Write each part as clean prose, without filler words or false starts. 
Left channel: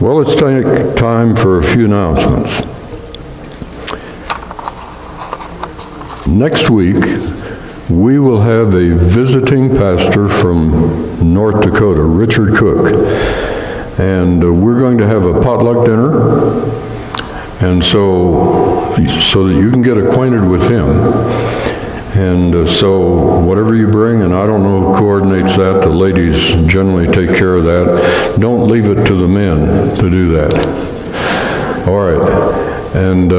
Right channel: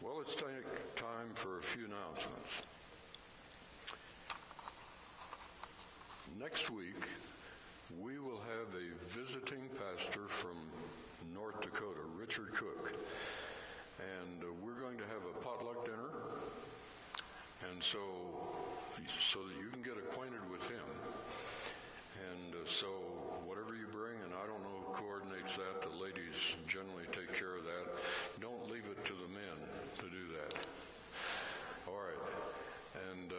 Well, let's take time for a few announcements. Next week, we will have a visiting pastor from North Dakota, Richard Cook, and we're going to have a potluck dinner, and so that you can get acquainted with him. And so whatever you bring, and I don't know who coordinates that, the ladies generally take care of that. Don't leave it to the men to do that. All right, and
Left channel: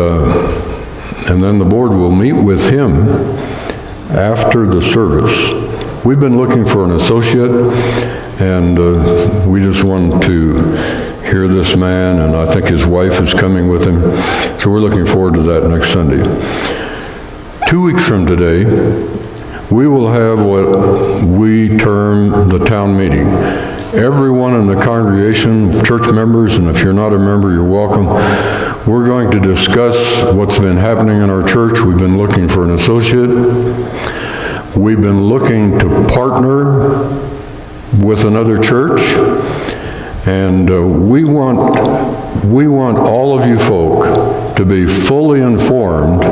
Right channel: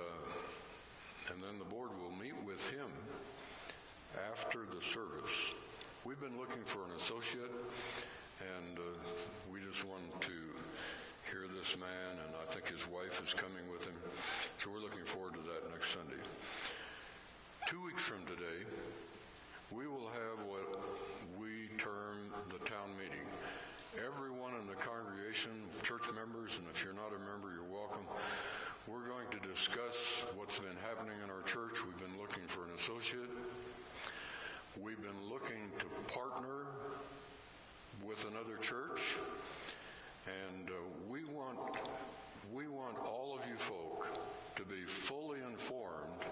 then the board will meet with him after the service. We've been looking for an associate, and we just want to hear this man, and I think his wife is coming with him. So we're looking forward to that next Sunday. 2 weeks from today, we will have what we term the town meeting. Everyone in the congregation, church members, and if you're not a member, you're welcome. We're going to discuss what's been happening in our church. We've been looking for an associate. We've been looking to partner with another church. And we want all of you folk to be fully informed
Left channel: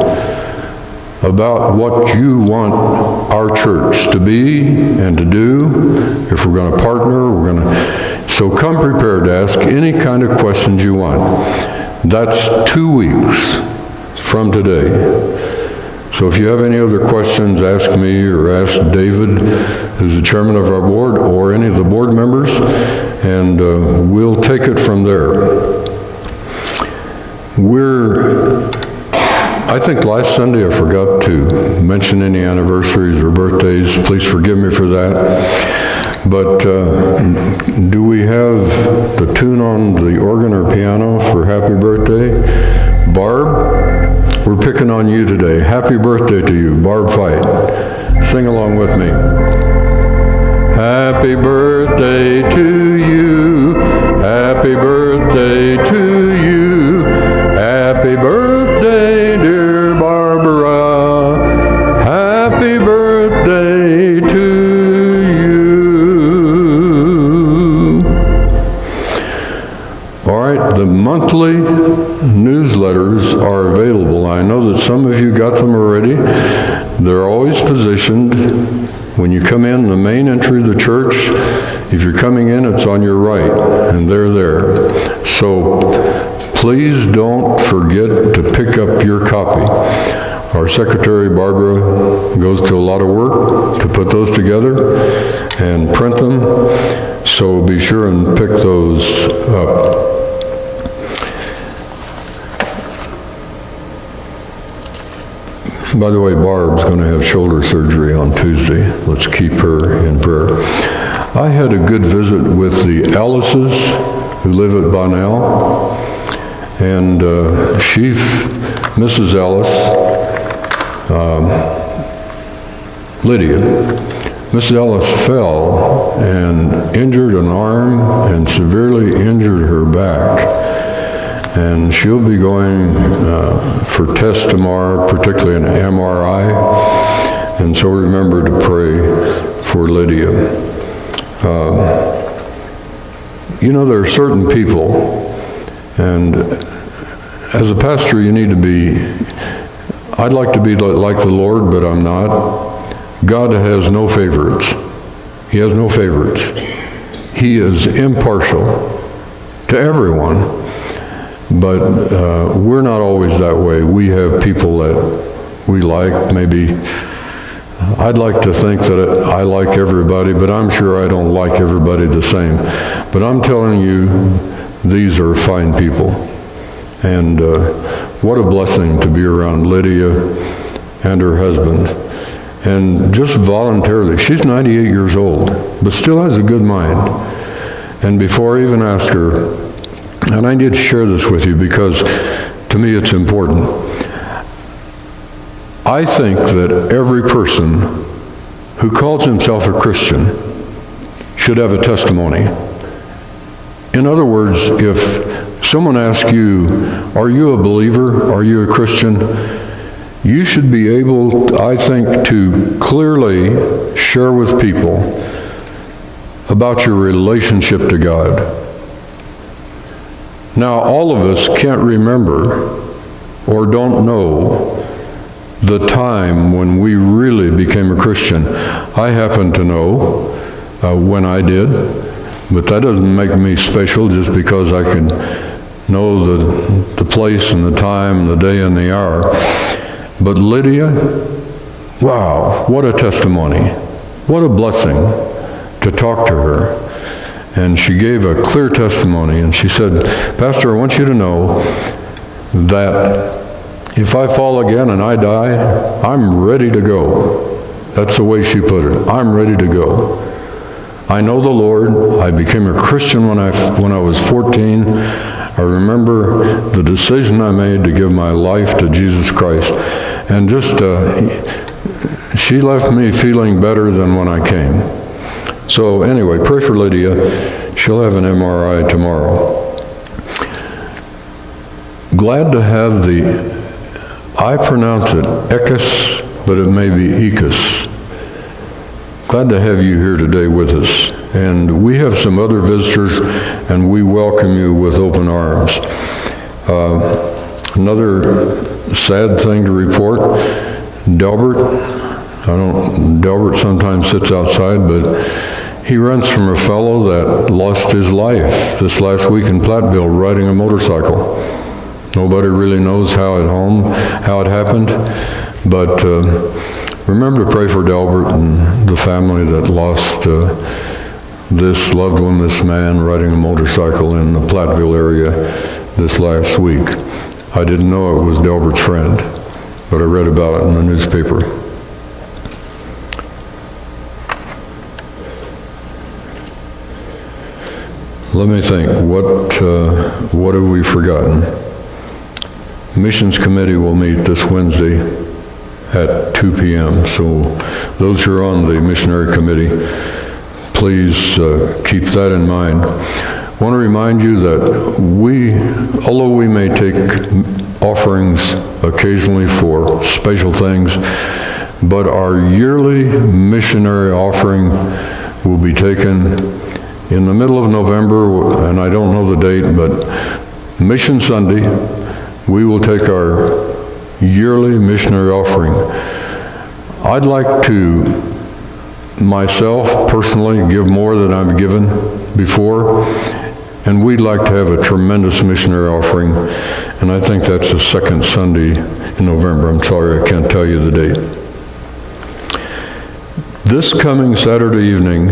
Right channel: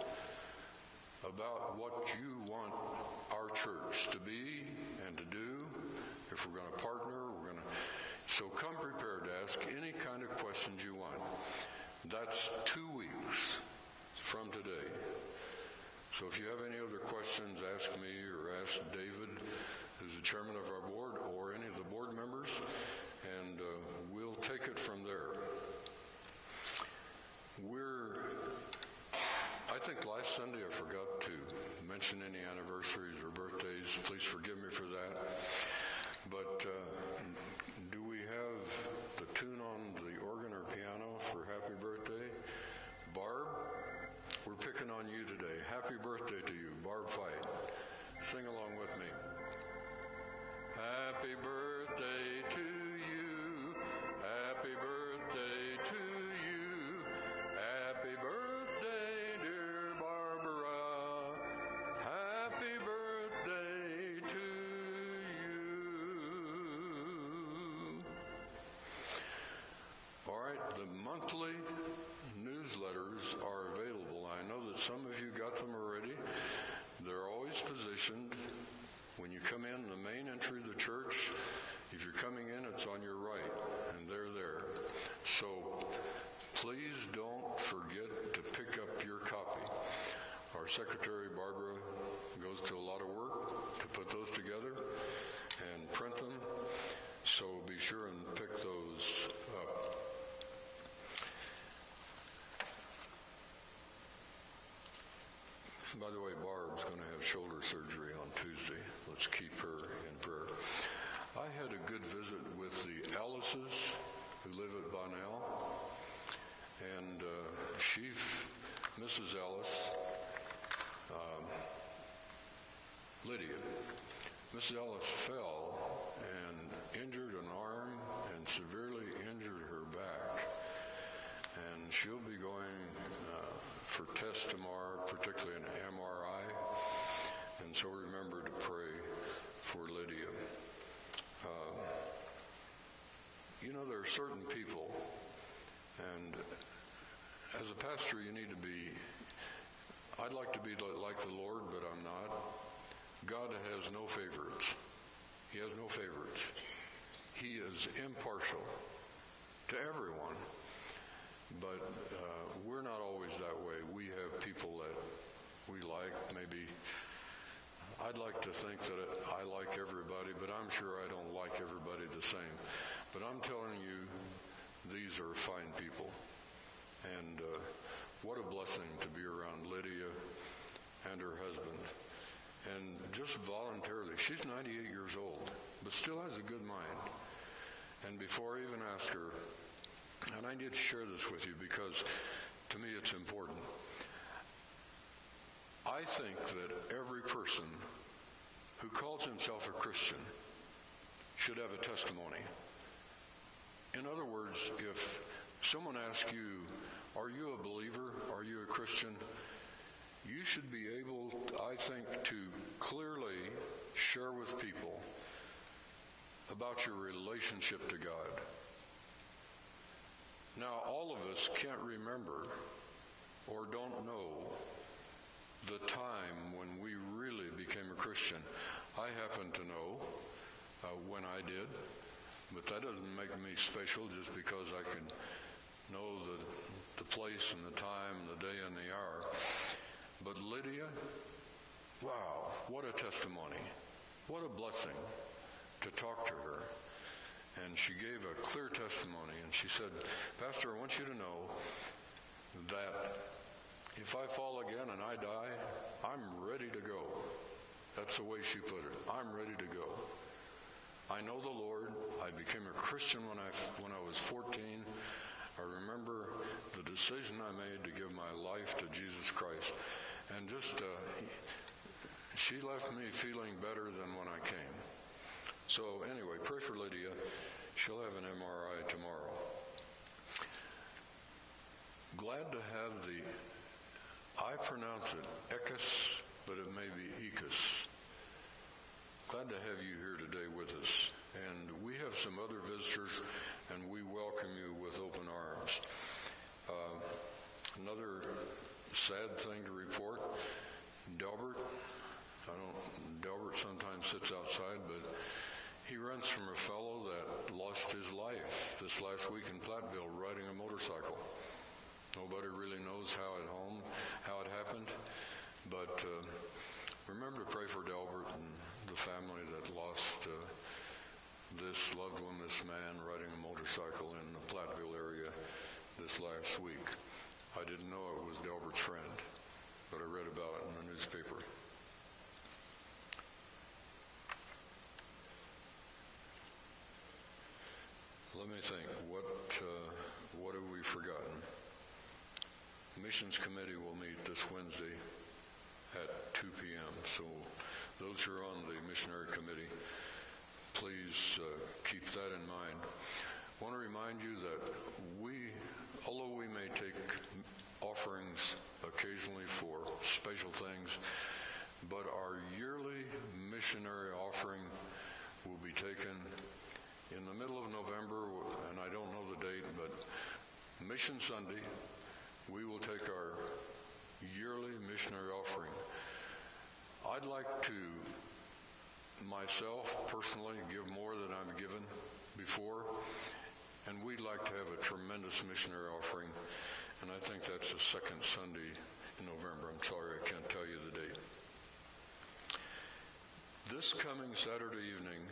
about what you want our church to be and to do. If we're going to partner, so come prepared to ask any kind of questions you want. That's 2 weeks from today. So if you have any other questions, ask me or ask David, who's the chairman of our board, or any of the board members, and we'll take it from there. I think last Sunday I forgot to mention any anniversaries or birthdays. Please forgive me for that. But do we have the tune on the organ or piano for happy birthday? Barb, we're picking on you today. Happy birthday to you, Barb Fight. Sing along with me. Happy birthday to you. Happy birthday to you. Happy birthday, dear Barbara. Happy birthday to you. All right, the monthly newsletters are available. I know that some of you got them already. They're always positioned when you come in the main entry of the church. If you're coming in, it's on your right, and they're there. So please don't forget to pick up your copy. Our secretary, Barbara, goes to a lot of work to put those together and print them, so be sure and pick those up. By the way, Barb's going to have shoulder surgery on Tuesday. Let's keep her in prayer. I had a good visit with the Ellises, who live at Bonnell, and Mrs. Ellis, Lydia, Mrs. Ellis fell and injured an arm and severely injured her back. And she'll be going for tests tomorrow, particularly an MRI. And so remember to pray for Lydia. You know, there are certain people, and as a pastor, you need to be, I'd like to be like the Lord, but I'm not. God has no favorites. He has no favorites. He is impartial to everyone. But we're not always that way. We have people that we like. Maybe I'd like to think that I like everybody, but I'm sure I don't like everybody the same. But I'm telling you, these are fine people. And what a blessing to be around Lydia and her husband. And just voluntarily, she's 98 years old, but still has a good mind. And before I even asked her, and I need to share this with you because to me it's important. I think that every person who calls himself a Christian should have a testimony. In other words, if someone asks you, are you a believer? Are you a Christian? You should be able, I think, to clearly share with people about your relationship to God. Now, all of us can't remember or don't know the time when we really became a Christian. I happen to know when I did, but that doesn't make me special just because I can know the place and the time and the day and the hour. But Lydia, wow, what a testimony. What a blessing to talk to her. And she gave a clear testimony, and she said, Pastor, I want you to know that if I fall again and I die, I'm ready to go. That's the way she put it. I'm ready to go. I know the Lord. I became a Christian when I was 14. I remember the decision I made to give my life to Jesus Christ. And just, she left me feeling better than when I came. So anyway, pray for Lydia. She'll have an MRI tomorrow. Glad to have I pronounce it Ekis, but it may be Ekis. Glad to have you here today with us. And we have some other visitors, and we welcome you with open arms. Another sad thing to report, Delbert sometimes sits outside, but he rents from a fellow that lost his life this last week in Platteville riding a motorcycle. Nobody really knows how it happened, but remember to pray for Delbert and the family that lost this loved one, this man riding a motorcycle in the Platteville area this last week. I didn't know it was Delbert's friend, but I read about it in the newspaper. Let me think, what have we forgotten? Missions Committee will meet this Wednesday at 2 p.m. So those who are on the missionary committee, please keep that in mind. I want to remind you that although we may take offerings occasionally for special things, but our yearly missionary offering will be taken in the middle of November, and I don't know the date, but Mission Sunday, we will take our yearly missionary offering. I'd like to, myself, personally, give more than I've given before, and we'd like to have a tremendous missionary offering, and I think that's the second Sunday in November. I'm sorry, I can't tell you the date. This coming Saturday evening,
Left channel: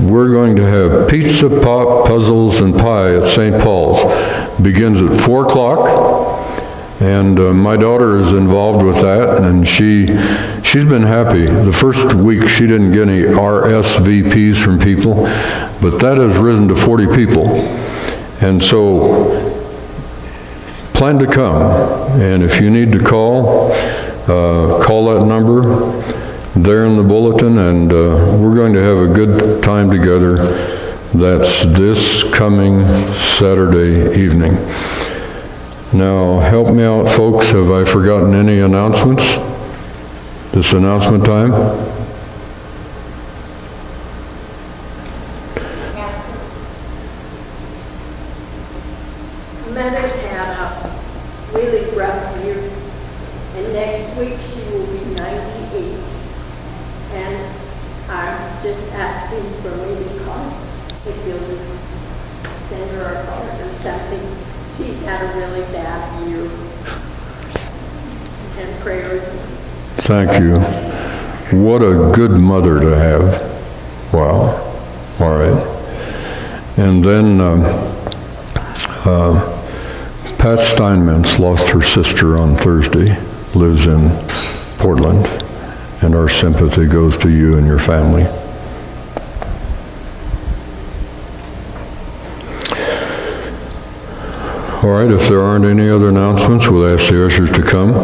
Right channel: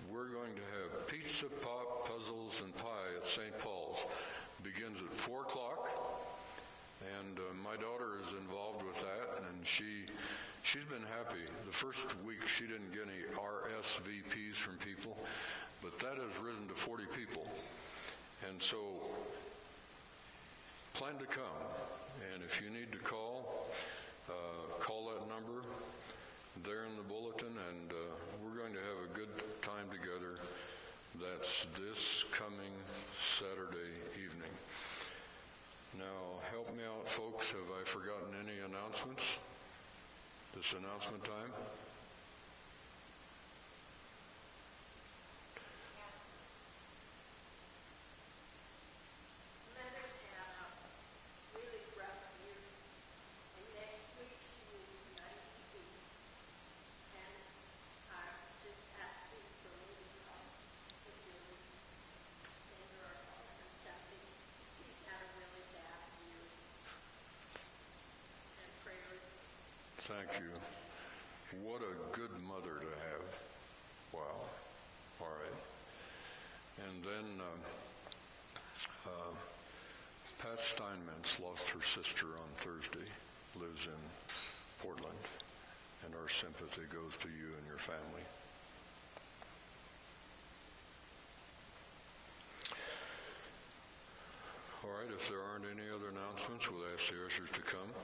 we're going to have pizza, pop, puzzles, and pie at St. Paul's. Begins at 4 o'clock, and my daughter is involved with that, and she's been happy. The first week she didn't get any RSVPs from people, but that has risen to 40 people. And so plan to come, and if you need to call that number there in the bulletin, and we're going to have a good time together. That's this coming Saturday evening. Now, help me out, folks. Have I forgotten any announcements? This announcement time? Mother's had a really rough year, and next week she will be 98. And I'm just asking for maybe cards. If you'll just send her a card or something. She's had a really bad year. And prayers. Thank you. What a good mother to have. Wow. All right. And then Pat Steinmetz lost her sister on Thursday, lives in Portland, and our sympathy goes to you and your family. All right, if there aren't any other announcements, we'll ask the ushers to come.